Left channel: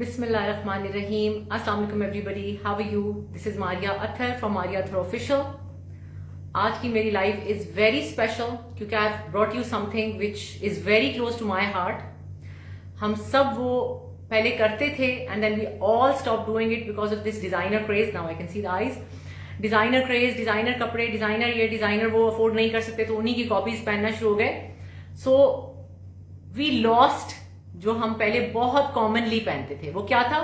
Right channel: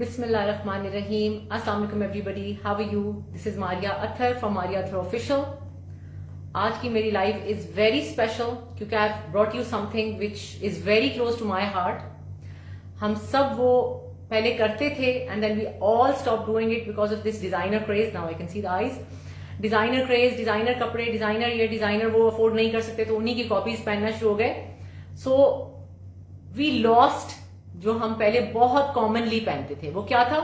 Bismillahirrahmanirrahim. Assalamu alaikum everybody. How are you? This is Maria Athar from Maria Athar Official. आज की मेरी life is very special क्योंकि I brought you something which is very close to my heart. हम सब वो पहले करते थे and then we all stop doing it because of this designer craze. Now I can see the eyes. Designer craze, designer कपड़े, designer ये designer वो afford नहीं कर सकते तो उन्हीं की कॉपीज पहनना शुरू हो गए. सो वी लॉस्ट जो हम पहले बहुत कॉमनली पहनते थे. वो क्या था?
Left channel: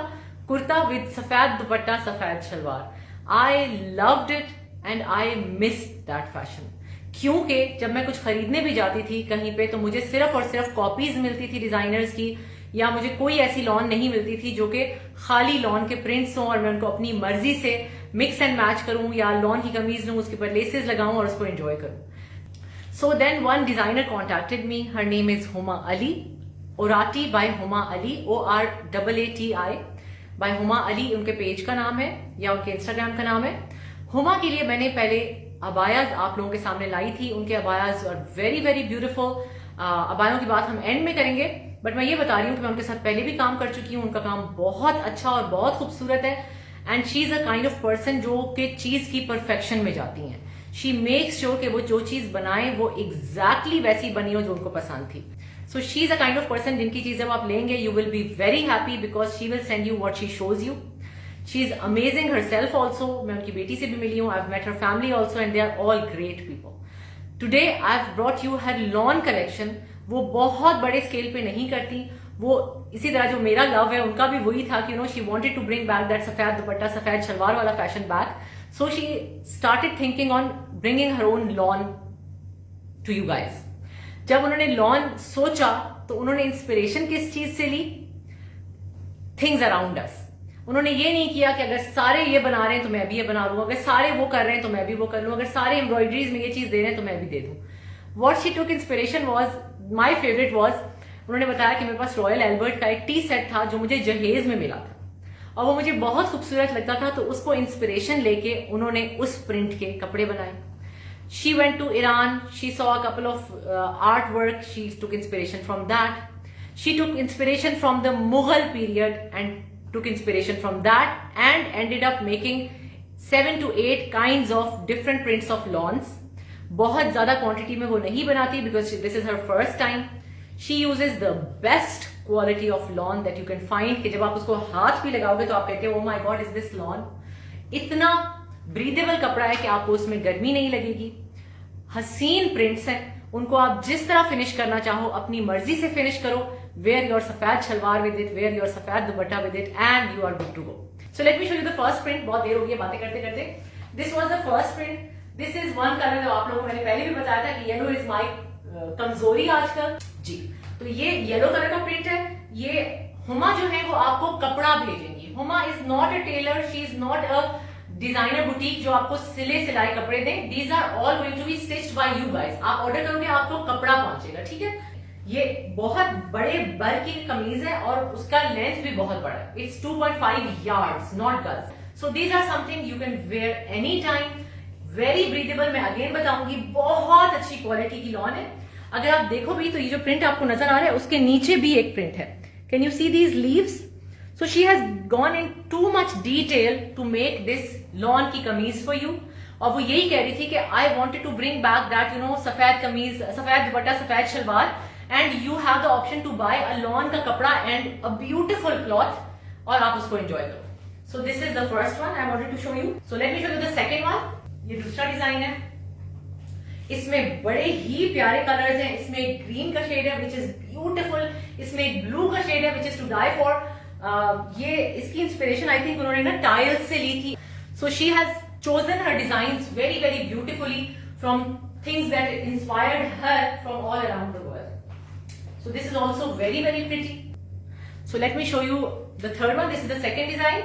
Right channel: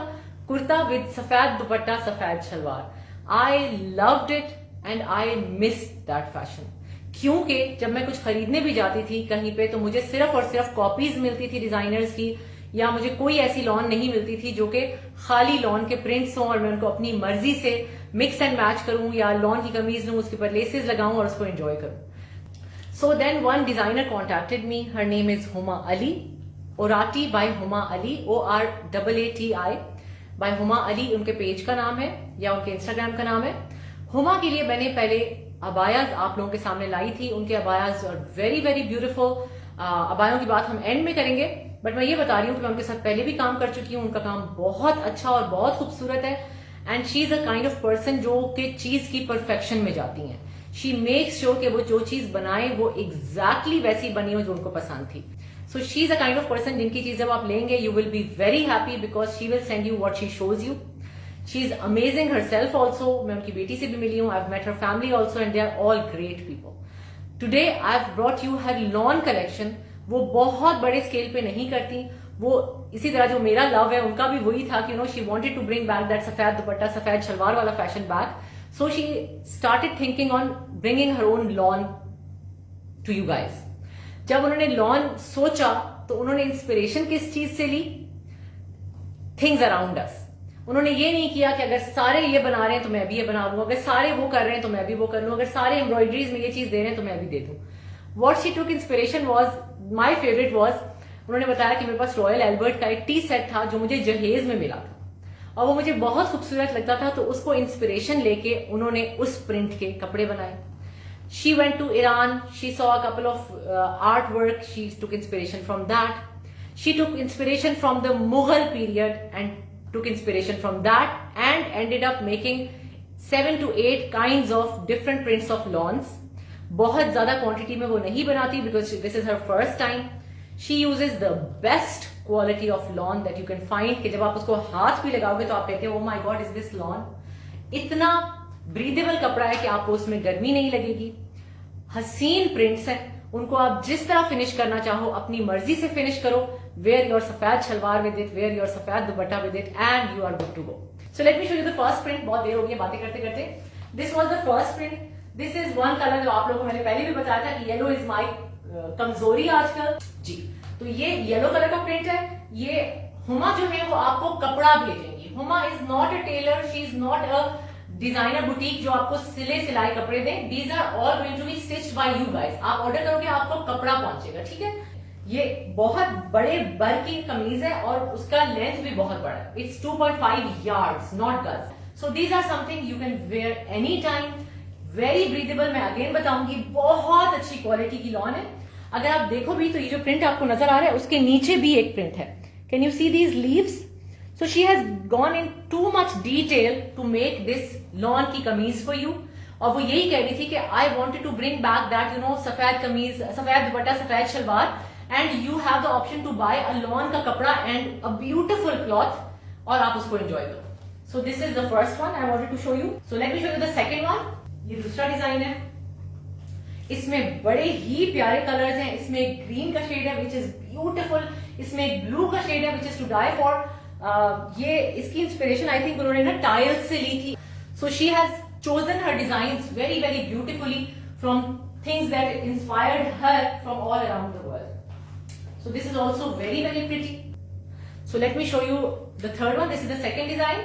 कुर्ता विद सफेद दुपट्टा, सफेद शलवार. I loved it and I miss that fashion. क्योंकि जब मैं कुछ खरीदने भी जाती थी कहीं पे तो मुझे सिर्फ और सिर्फ कॉपीज मिलती थी डिजाइनर्स की, या मुझे कोई ऐसी लॉन नहीं मिलती थी जो कि खाली लॉन के प्रिंट्स हों और मैं उनको अपनी मर्जी से मिक्स एंड मैच करूं या लॉन की कमीज लूं, उसके ऊपर लेसेस लगाऊं और उसको एंजॉय करूं. So then one designer contacted me. Her name is Huma Ali. Oraati by Huma Ali, ORAATI by Huma Ali उनके पेज का नाम है या उनके इंस्टाग्राम का नाम है. हुमा के लिए मैंने पहले अबायाज आप लोगों के सामने लाई थी. उनके abayas are very very beautiful. अबायों की बात हम एंड में करेंगे, बट मैं ये बता रही हूँ कि मैं उनके साथ पहले भी काम कर चुकी हूँ. उनका काम बहुत अच्छा और बहुत खूबसूरत है and she is a kind of person जो कि चीज की परफेक्शन में जाती हैं. शी मेक्स श्योर कि वो जो चीज बनाए वो एग्जैक्टली वैसी बनी हो जो उनको पसंद थी. So she's a kind of person जिनकी चीज जब आप लेंगे you will be very happy because she will send you what she shows you. She's amazing herself also. मैं उनकी बेटी से भी मिली हूँ. I've met her family also and they are all great people. Today I've brought you her lawn collection. वो बहुत बड़े scale पे नहीं करती. वो इसी तरह जो मेरा लव है उनका भी वही था कि she wanted to bring back that सफेद दुपट्टा सफेद शलवार वाला fashion back. So she started thinking on bringing her own lawn to you guys. जब उन्होंने लॉन सोचा तो उन्होंने इंस्पिरेशन किस चीज से ली? Things around us. उन्होंने ये नहीं किया कि अगर सारे ये बना रहे हैं तो मैं भी ये बना लूं, अगर सारे वो कर रहे हैं तो मैं भी वो कर लूं, अगर सारे एम्ब्रॉयडरीज में ये चीज दे रहे हैं तो मैं भी दे दूं. What she took inspiration was, my favourite was, उन्होंने बताया कि मेरे पास रॉयल एल्बर्ट का एक टी सेट था जो मुझे जहेज में मिला था और वो मुझे बहुत खूबसूरत लगता था, तो उसको इंस्पिरेशन लेके उन्होंने उस प्रिंट के कपड़े बनाए. She went to Iran. She saw a couple of artwork. She took inspiration from that. She took inspiration from the Mughal period and took inspiration from that and ended up making 7 to 8 kinds of different prints of lawns. बहुत ज्यादा quantity में वो नहीं बनाती because this is her first time. She uses the best quality of lawn that you can find. कि जब आप उसको हाथ भी लगाओगे तो आप कहते हो oh my god is this lawn. इतना ब्रीदेबल कपड़ा है कि आपको उसमें गर्मी नहीं लगेगी. हसीन प्रिंट्स हैं, उनको आप जिस तरह फिनिश करना चाहो अपनी मर्जी से फिनिश करो. Wear your safed shalwar with it, wear your safed dupatta with it and you are good to go. So let me show you the first print. बहुत देर हो गई बातें करते करते. This was the first print. This is one colour जो आप लोगों को मैंने पहले भी बताया था कि येलो इज माई कमजोरी आजकल जी. तो ये येलो कलर का प्रिंट है. ये हुमा जो है वो आपको कपड़ा भेजेंगी. Huma is not a tailor, she is not a designer boutique जो आपको सिले सिलाई कपड़े दें. These are all going to be stitched by you guys. आप ऑर्डर करोगे आपको कपड़ा पहुंचेगा. ठीक है. ये बहुत बड़े बर की कमीज है और उसका लेंथ भी बहुत बड़ा है. इट्स 2.5 yards नॉट गज. So these are something you can wear any time. Very breathable. मैं अगेन बताऊंगी बहुत अच्छी क्वालिटी की लॉन है. अगर आप देखो भी तो ये जो प्रिंट आपको नजर आ रहा है उसके नीचे भी एक प्रिंट है. Can you see these leaves? So she has gone in too much detail to make this lawn की कमीज for you. और वो यही कह रही थी कि I wanted to bring back that सफेद कमीज, सफेद दुपट्टा, सफेद salwar and you have the option to buy a lawn का कपड़ा and a beautiful cloth और आप उसको enjoy करो. So this is the first one I wanted to show you. So let me show you the second one. ये दूसरा design है. इसमें बड़े ही प्यारे कलर्स हैं. इसमें एक ग्रीन का शेड है which is beautiful. इसमें एक ब्लू का शेड है which is to die for. ये इसकी इंस्पिरेशन आई थिंक उन्होंने ना टाइल्स से ली थी. So she has chosen her designs very very beautifully from things that inspired her from all around the world. So this is also very very pretty. So let me show you the third one. This is the second design.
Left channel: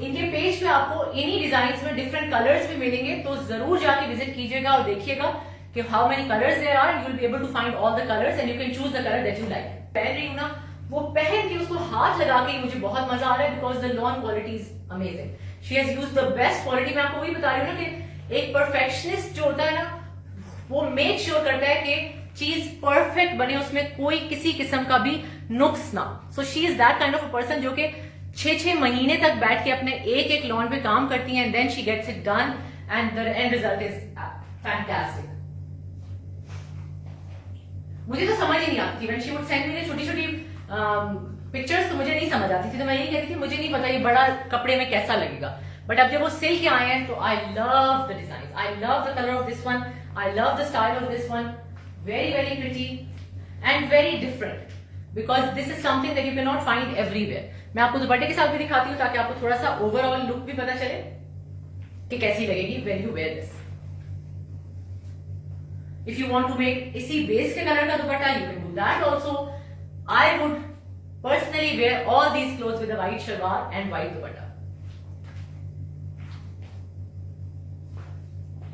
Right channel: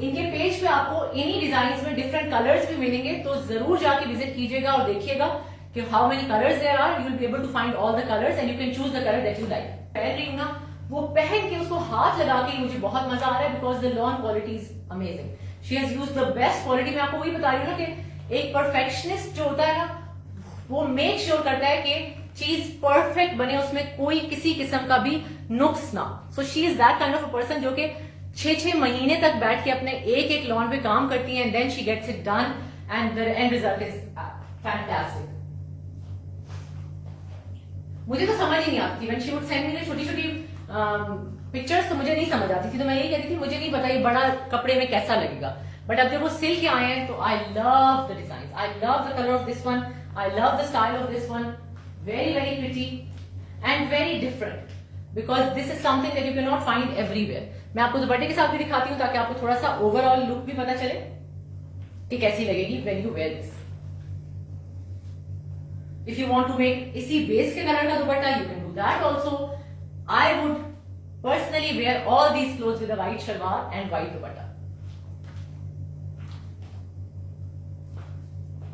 इनके page पे आपको इन्हीं design में different colours भी मिलेंगे, तो जरूर जाके विजिट कीजिएगा और देखिएगा कि how many colours there are. You will be able to find all the colours and you can choose the colour that you like. पहन रही हूं ना, वो पहन के उसको हाथ लगा के मुझे बहुत मजा आ रहा है because the lawn quality is amazing. She has used the best quality. मैं आपको वही बता रही हूँ ना कि एक परफेक्शनिस्ट जो होता है ना वो मेक श्योर करता है कि चीज परफेक्ट बने, उसमें कोई किसी किस्म का भी नुक्स ना। So she is that kind of a person जो कि 6 महीने तक बैठ के अपने एक एक लॉन पे काम करती है, and then she gets it done and the end result is fantastic. मुझे तो समझ ही नहीं आती थी, when she would send me छोटी छोटी पिक्चर्स, तो मुझे नहीं समझ आती थी, तो मैं यही कहती थी मुझे नहीं पता ये बड़ा कपड़े में कैसा लगेगा। बट अब जब वो सिल के आए हैं तो आई love the design, I love the colour of this one, I love the style of this one, very very pretty and very different, because this is something that you can not find everywhere. मैं आपको दुपट्टे के साथ भी दिखाती हूँ ताकि आपको थोड़ा सा ओवरऑल लुक भी पता चले कि कैसी लगेगी when you wear this. If you want to make इसी बेस के कलर का दुपट्टा, you can do that also. I would personally wear all these clothes with a white shalwar and white dupatta.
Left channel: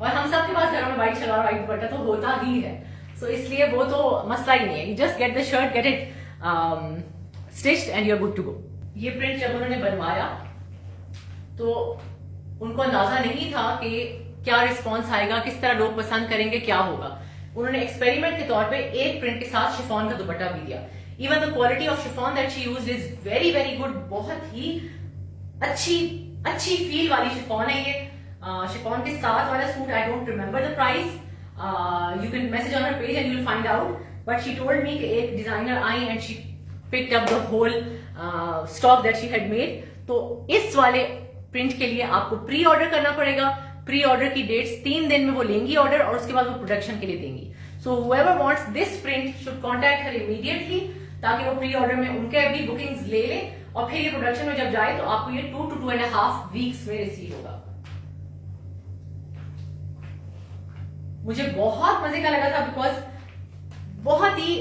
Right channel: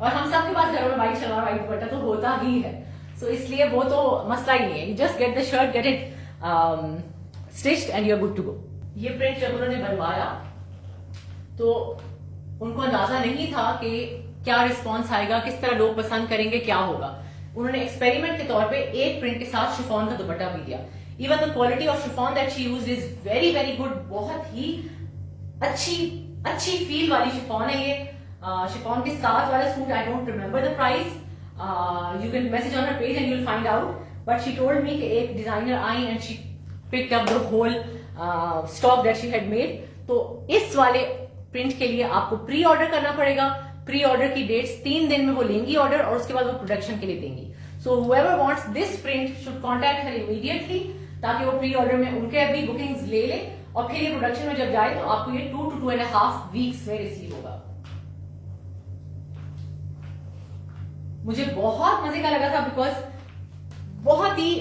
और हम सबके पास घरों में व्हाइट शलवार व्हाइट दुपट्टा तो होता ही है, सो इसलिए वो तो मसला ही नहीं है। You just get the shirt, get it stitched and you are good to go. ये प्रिंट जब उन्होंने बनवाया तो उनको अंदाजा नहीं था कि क्या रिस्पॉन्स आएगा, किस तरह लोग पसंद करेंगे, क्या होगा। उन्होंने एक्सपेरिमेंट के तौर पे एक प्रिंट के साथ शिफॉन का दुपट्टा भी दिया। Even the quality of chiffon that she used is very very good, बहुत ही अच्छी फील वाली शिफॉन है ये। शिफॉन के साथ वाला suit, I don't remember the price, you can message on her page and you will find out, but she told me कि एक डिजाइनर आई and she picked up the whole stock that she had made. तो इस वाले print के लिए आपको pre order करना पड़ेगा। प्री ऑर्डर की डेट्स 3 दिन में वो लेंगी ऑर्डर, और उसके बाद वो प्रोडक्शन के लिए देंगी। सो whoever wants this print should contact her immediately, ताकि वो प्री ऑर्डर में उनके भी बुकिंग्स ले ले, और फिर ये प्रोडक्शन में जब जाए तो आपको ये 2 to 2.5 वीक्स में रिसीव होगा। मुझे बहुत मजे का लगा था, बिकॉज बहुत ही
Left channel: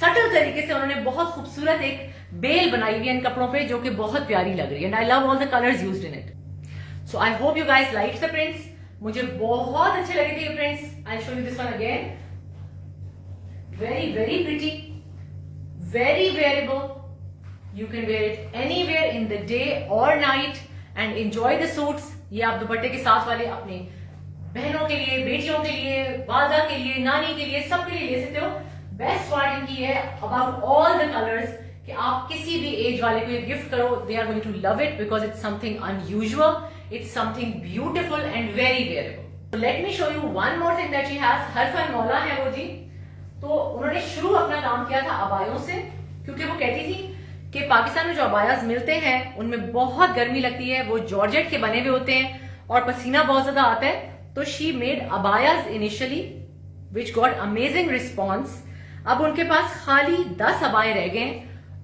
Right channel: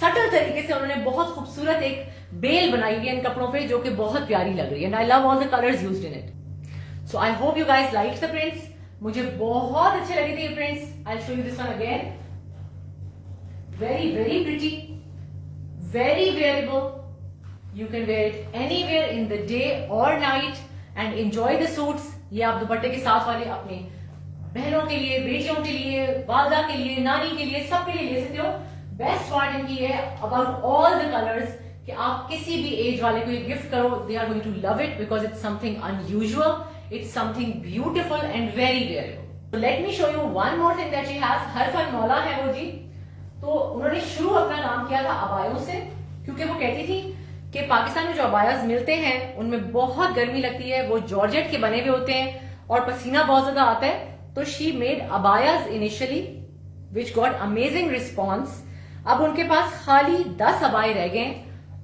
सटल तरीके से उन्होंने बहुत खूबसूरत एक बेल बनाई हुई है इन कपड़ों पे, जो कि बहुत प्यारी लग रही है। And I love all the colours used in it. So I hope you guys like the prints. मुझे बहुत अच्छे लगे थे ये prints. I show you this one again, very very pretty, very wearable, you can wear it anywhere in the day और night and enjoy the suits. ये आप दुपट्टे के साथ वाले अपने बहनों के लिए, बेटियों के लिए, वालदा के लिए, नानी के लिए, सबके लिए ले सकते हो। बेस्ट पार्ट इनकी है अबाउट ऑल द कलर्स कि आप किसी भी एज वाले को ये गिफ्ट करो, they are going to love it, because it's something unusual, it's something beautiful and very wearable. Let me show you one more thing that she has. हरफन मौला है वो जी, तो उन्होंने शुरू अपना काम किया था अबायों से, क्योंकि वो कहती थी कि पाकिस्तान में जो अबायाज मिलते हैं उनमें बहुत गर्मी लगती है, वो जॉर्जेट के बने हुए होते हैं और पसीना बहुत ज्यादा आता है। तो she made abayas initially which got amazing response. अब उनके पास खाली 10 अबाए रह गए,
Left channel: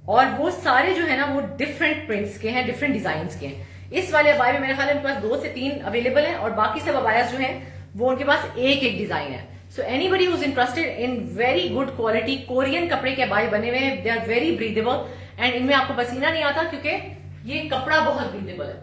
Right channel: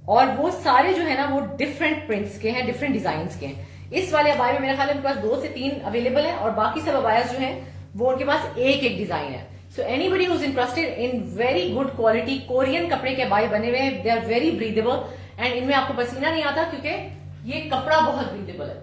और वो सारे जो है ना वो डिफरेंट प्रिंट्स के हैं, डिफरेंट डिजाइन के हैं। इस वाले अबाए में मेरे ख्याल उनके पास 2 से 3 अवेलेबल हैं, और बाकी सब अबायाज जो हैं वो उनके पास एक एक डिजाइन है। So anybody who is interested in very good quality Korean कपड़े के अबाए बने हुए हैं, they are very breathable, and इनमें आपको पसीना नहीं आता क्योंकि ये कपड़ा बहुत ब्रीदेबल है,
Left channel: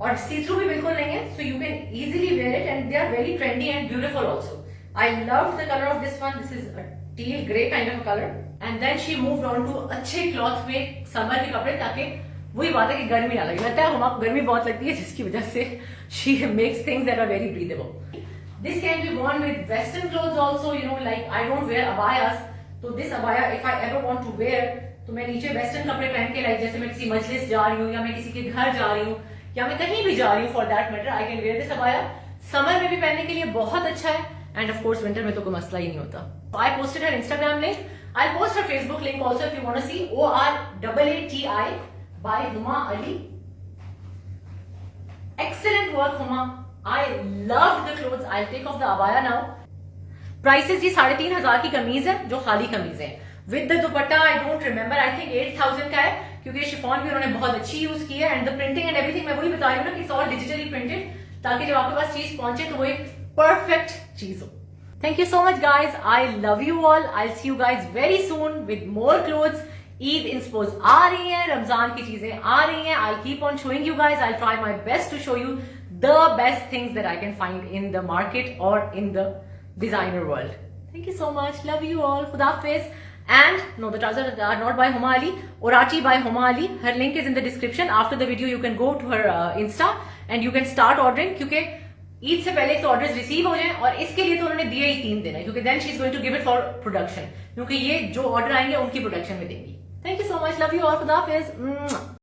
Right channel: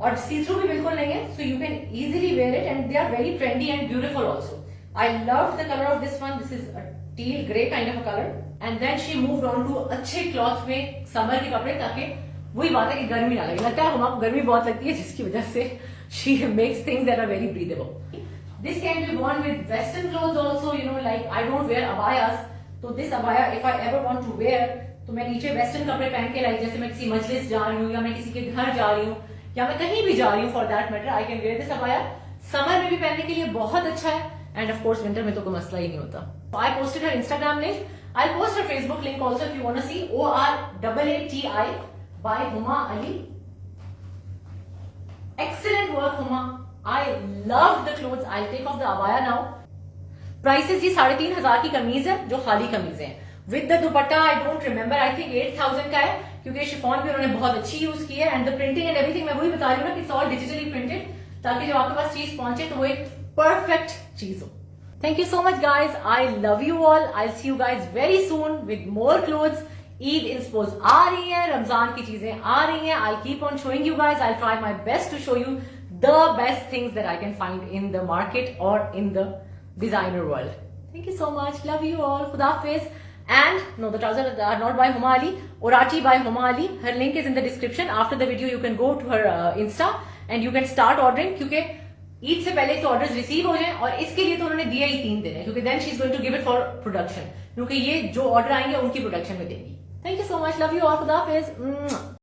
और सी थ्रू भी बिल्कुल नहीं है। So you can easily wear it, and they are very trendy and beautiful also. I love the colour of this one, this is a teal grey kind of colour, and then she moved on to अच्छे cloth में summer के कपड़े, ताकि वही बात है कि गर्मी ना लगे। लगता है हमको गर्मी बहुत लगती है, जिसकी वजह से she makes things that are very breathable. This can be worn with western clothes also, you know, like I don't wear abayas, तो this abaya if I ever want to wear, तो मैं नीचे वेस्टर्न कपड़े पहन के, like जैसे मैं किसी मजलिस जा रही हूँ, या मैं किसी के घर जा रही हूँ, या मैं कहीं भी जा रही हूँ, for that matter I can wear this abaya. Summer में भी पहनने के लिए बहुत अच्छा है, एंड ऑफ कोर्स विंटर में तो कोई मसला ही नहीं होता। I posted her Instagram link, I post her Facebook link also if you want to see, ORAATI by Huma Ali. Excellent work Huma. I love the clothes. I'll take off the abaya now. Prices जी 3,500 की कमीज है, जो खाली कमीज है। With the dupatta I don't remember, I think 8,000 का है, क्योंकि शिफॉन भी उन्होंने बहुत अच्छी यूज की है, and the printing and everything मैं वही बता रही हूँ ना कि इट्स ऑल डिजिटली प्रिंटेड, ताकि जब आपके पास चीज पहुंचे तो वो एक परफेक्ट चीज हो। Thank you so much guys. I love you all. I'll see you guys very soon with more clothes. Eid इंस्पोज आ रही है, रमजान की चीजें आ रही हैं. I'll keep on showing you guys. I'll try my best to show you the best things that I can find in the market or in the designer world. Thank you so much. Love you all. Khuda Hafiz. And no, the trousers are not by Huma Ali. Orati by Huma Ali. Her link is in the description. After the video, you can go to her Insta and you can start ordering. क्योंकि ईद से पहले के orders receive हो जाएं, और इसके लिए तो उन्होंने दिए ही 3 दिन है, क्योंकि then she is going to give it for production, क्योंकि ये जो ऑर्डर आएंगे उनकी प्रोडक्शन में देंगी। Thank you so much, love you all, खुदा हाफिज।